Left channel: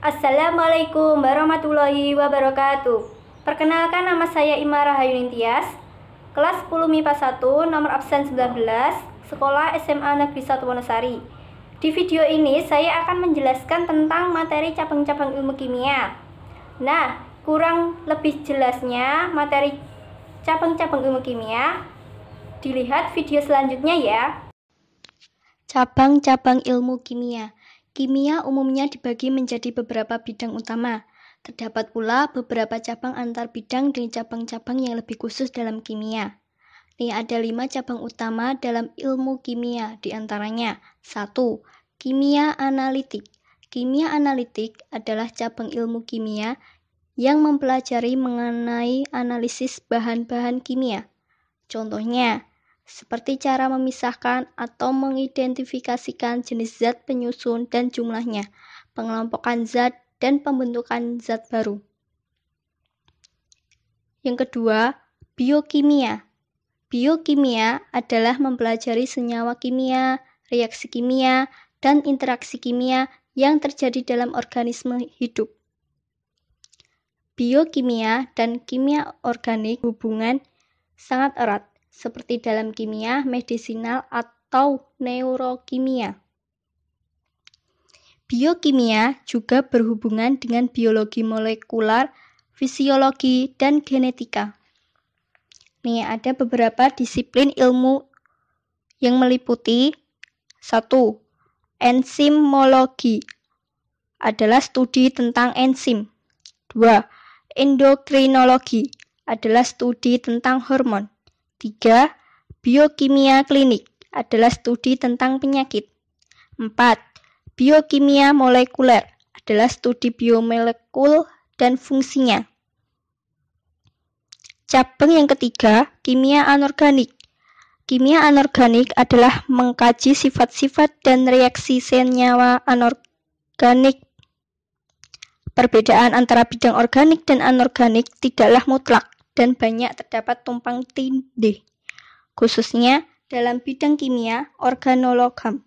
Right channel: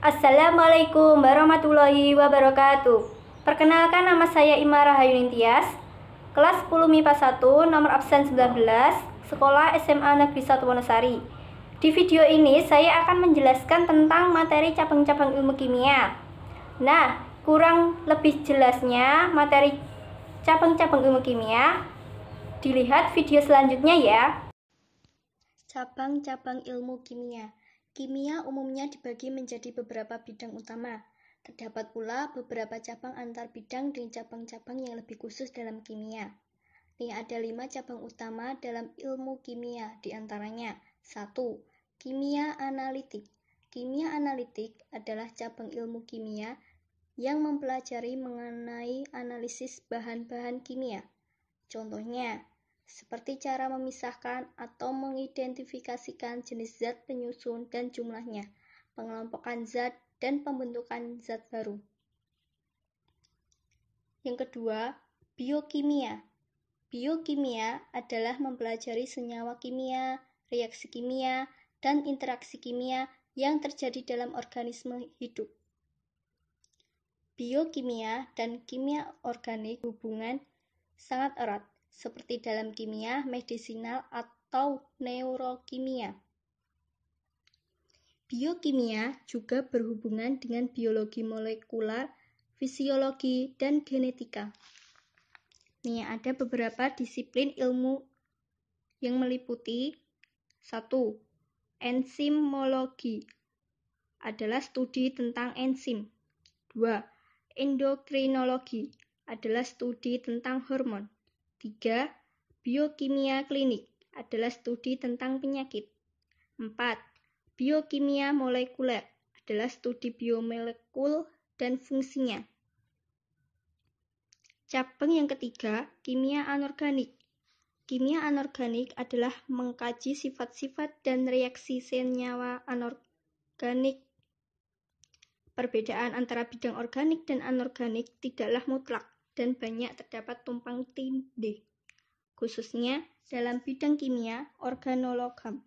Assalamualaikum warahmatullahi wabarakatuh. Perkenalkan, nama saya Ima Rahayuni Tias, kelas 10 MIPA 1, nomor absen 19, sekolah SMA Negeri 1 Wonosari. Di video ini saya akan menjelaskan tentang materi cabang-cabang ilmu kimia. Nah, kurang lebih jelasnya materi cabang-cabang ilmu kimia, dilihat video selanjutnya ya. Cabang-cabang ilmu kimia. Kimia umumnya dibagi menjadi beberapa bidang utama. Terdapat pula beberapa cabang antar bidang dan cabang-cabang yang lebih khusus dalam kimia. Nih ada 5 cabang utama dalam ilmu kimia, diantaranya 1. Kimia analitik. Kimia analitik adalah cabang ilmu kimia yang mempelajari mengenai analisis bahan-bahan kimia. Contohnya, seperti cara memisahkan atau mengidentifikasikan jenis zat penyusun dan jumlahnya, pengelompokan zat, dan pembentukan zat baru. Yang kedua, biokimia. Biokimia adalah mempelajari senyawa kimia, reaksi kimia, dan interaksi kimia yang terjadi dalam organisme hidup. Biokimia dan kimia organik hubungan sangat erat, seperti dalam kimia medisinal atau neurokimia. Biokimia juga berhubungan dengan biologi molekular, fisiologi, dan genetika. Nih, ada beberapa disiplin ilmu yang meliputi 1. Enzimologi adalah studi tentang enzim. 2. Endokrinologi adalah studi tentang hormon. 3. Biokimia klinik adalah studi tentang penyakit. 4. Biokimia molekuler adalah studi biomolekul dan fungsinya. Cabang yang ketiga, kimia anorganik. Kimia anorganik adalah mengkaji sifat-sifat dan reaksi senyawa anorganik. Perbedaan antara bidang organik dan anorganik tidaklah mutlak dan banyak terdapat tumpang tindih, khususnya dalam bidang kimia organologam.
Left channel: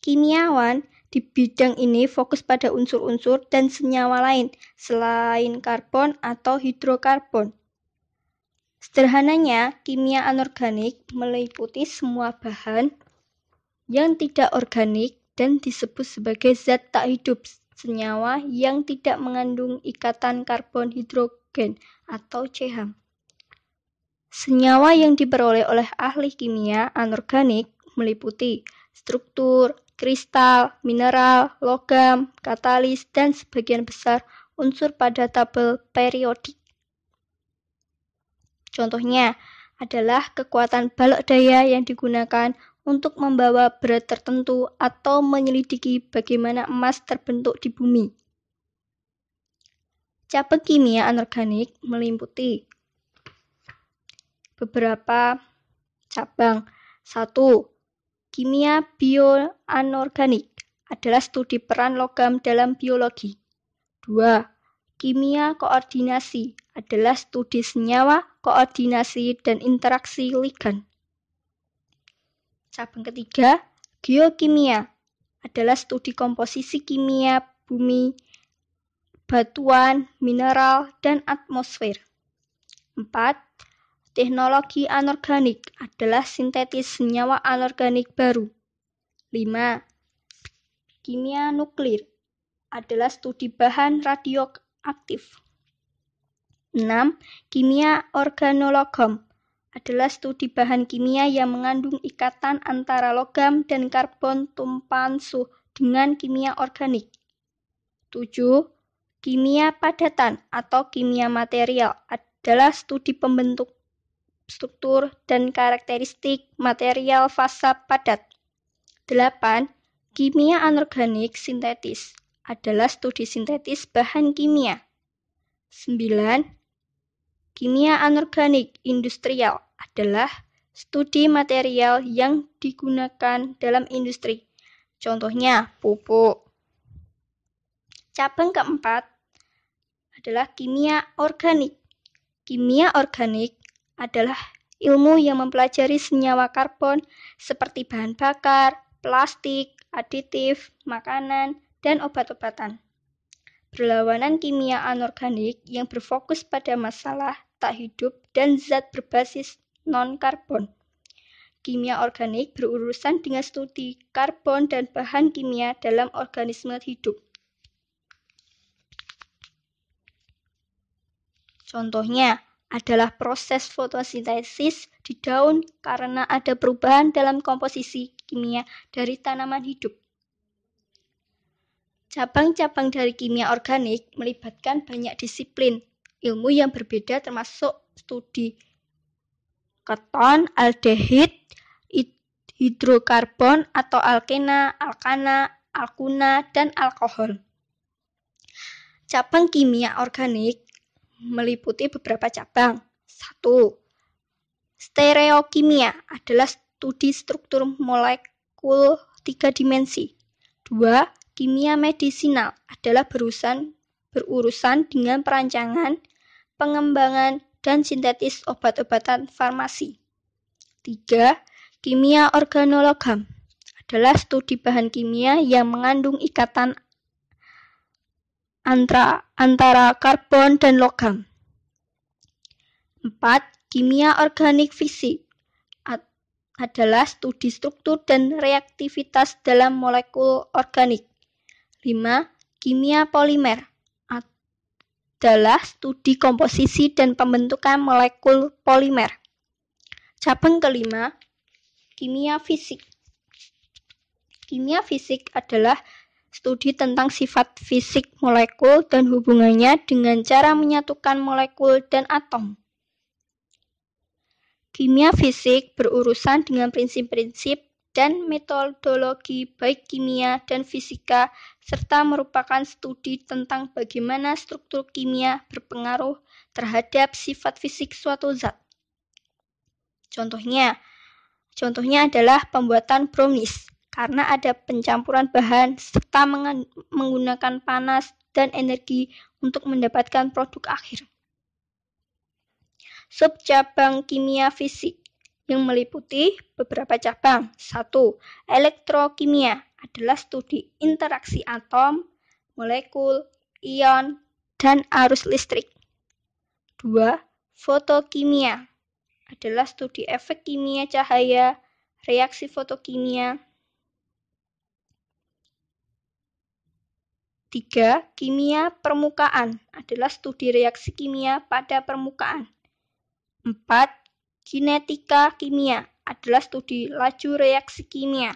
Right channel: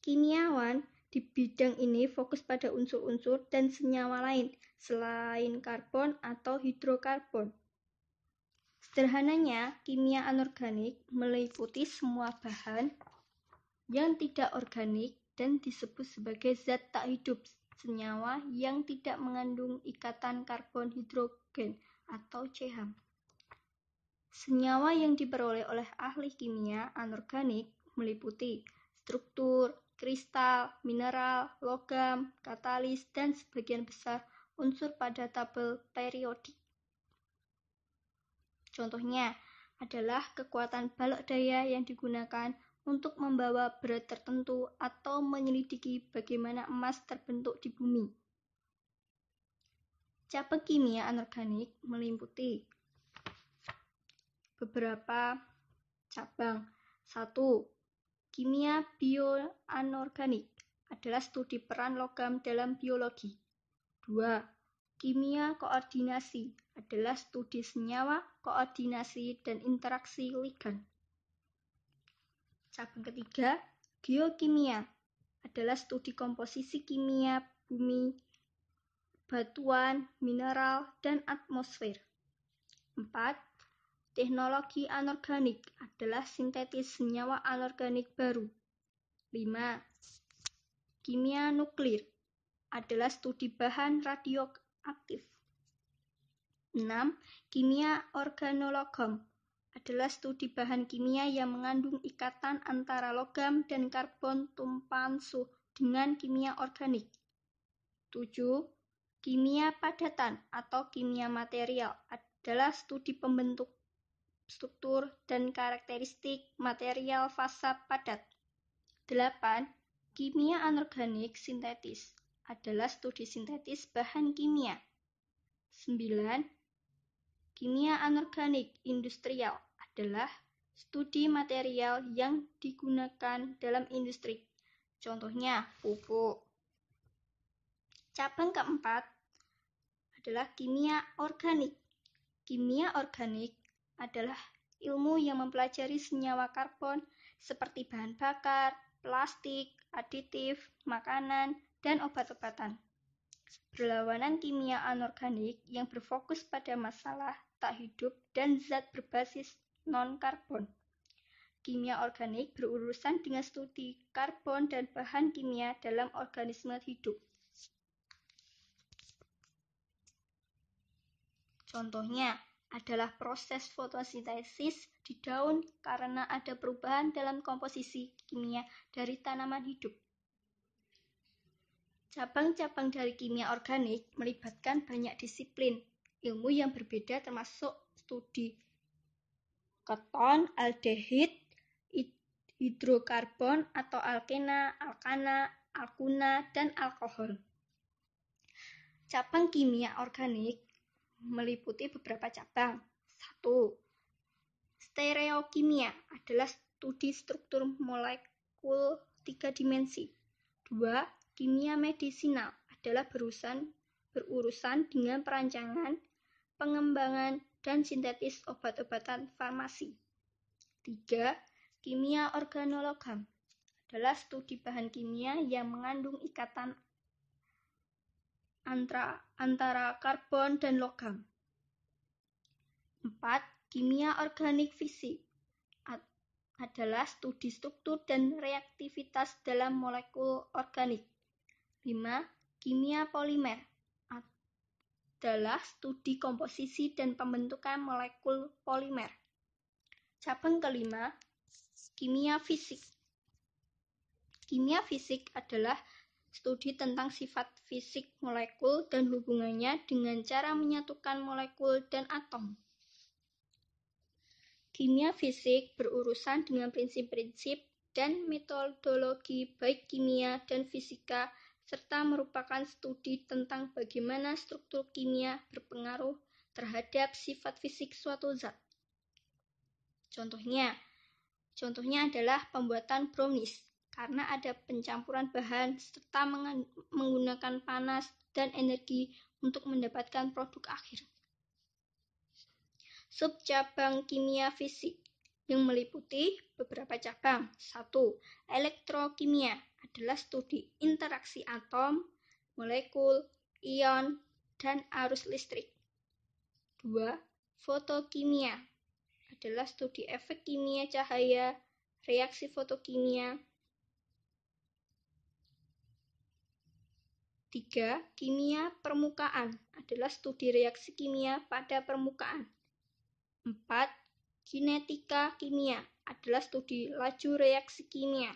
Kimiawan di bidang ini fokus pada unsur-unsur dan senyawa lain selain karbon atau hidrokarbon. Sederhananya, kimia anorganik meliputi semua bahan yang tidak organik dan disebut sebagai zat tak hidup, senyawa yang tidak mengandung ikatan karbon hidrogen atau CH. Senyawa yang diperoleh oleh ahli kimia anorganik meliputi struktur, kristal, mineral, logam, katalis, dan sebagian besar unsur pada tabel periodik. Contohnya adalah kekuatan balok daya yang digunakan untuk membawa berat tertentu atau menyelidiki bagaimana emas terbentuk di bumi. Cabang kimia anorganik meliputi beberapa cabang. 1. Kimia bioanorganik adalah studi peran logam dalam biologi. 2. Kimia koordinasi adalah studi senyawa, koordinasi, dan interaksi ligan. Cabang ketiga, geokimia adalah studi komposisi kimia bumi, batuan, mineral, dan atmosfer. 4. Teknologi anorganik adalah sintetis senyawa anorganik baru. 5. Kimia nuklir adalah studi bahan radioaktif. 6. Kimia organologam adalah studi bahan kimia yang mengandung ikatan antara logam dan karbon tumpahan dengan kimia organik. 7. Kimia padatan atau kimia material adalah studi pembentuk struktur dan karakteristik material fasa padat. 8. Kimia anorganik sintetis adalah studi sintetis bahan kimia. 9. Kimia anorganik industrial adalah studi material yang digunakan dalam industri. Contohnya pupuk. Cabang keempat adalah kimia organik. Kimia organik adalah ilmu yang mempelajari senyawa karbon seperti bahan bakar, plastik, aditif, makanan, dan obat-obatan. Berlawanan kimia anorganik yang berfokus pada masalah tak hidup dan zat berbasis non-karbon. Kimia organik berurusan dengan studi karbon dan bahan kimia dalam organisme hidup. Contohnya adalah proses fotosintesis di daun karena ada perubahan dalam komposisi kimia dari tanaman hidup. Cabang-cabang dari kimia organik melibatkan banyak disiplin ilmu yang berbeda termasuk studi keton, aldehid, hidrokarbon atau alkena, alkana, alkuna, dan alkohol. Cabang kimia organik meliputi beberapa cabang. 1. Stereokimia adalah studi struktur molekul 3 dimensi. 2. Kimia medisinal adalah berurusan dengan perancangan, pengembangan, dan sintetis obat-obatan farmasi. 3. Kimia organologam adalah studi bahan kimia yang mengandung ikatan antara karbon dan logam. 4. Kimia organik fisik adalah studi struktur dan reaktivitas dalam molekul organik. 5. Kimia polimer adalah studi komposisi dan pembentukan molekul polimer. Cabang kelima, kimia fisik. Kimia fisik adalah studi tentang sifat fisik molekul dan hubungannya dengan cara menyatukan molekul dan atom. Kimia fisik berurusan dengan prinsip-prinsip dan metodologi baik kimia dan fisika, serta merupakan studi tentang bagaimana struktur kimia berpengaruh terhadap sifat fisik suatu zat. Contohnya adalah pembuatan brownies, karena ada pencampuran bahan serta menggunakan panas dan energi untuk mendapatkan produk akhir. Subcabang kimia fisik yang meliputi beberapa cabang. 1. Elektrokimia adalah studi interaksi atom, molekul, ion, dan arus listrik. 2. Fotokimia adalah studi efek kimia cahaya, reaksi fotokimia. 3. Kimia permukaan adalah studi reaksi kimia pada permukaan. 4. Kinetika kimia adalah studi laju reaksi kimia.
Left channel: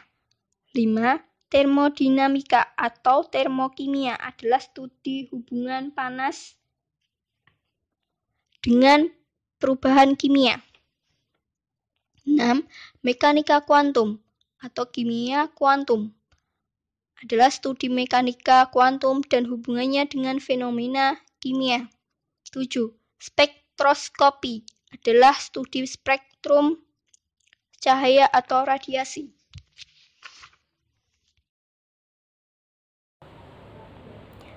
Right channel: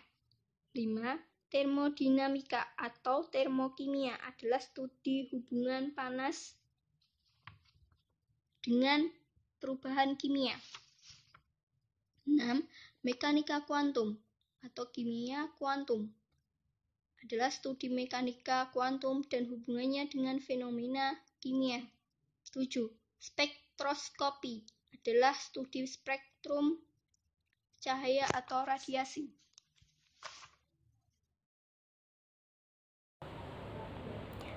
5. Termodinamika atau termokimia adalah studi hubungan panas dengan perubahan kimia. 6. Mekanika kuantum atau kimia kuantum adalah studi mekanika kuantum dan hubungannya dengan fenomena kimia. 7. Spektroskopi adalah studi spektrum cahaya atau radiasi.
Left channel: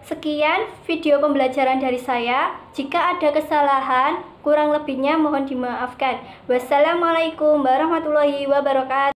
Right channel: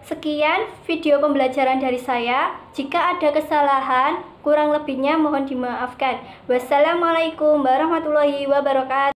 Sekian video pembelajaran dari saya. Jika ada kesalahan, kurang lebihnya mohon dimaafkan. Wassalamualaikum warahmatullahi wabarakatuh.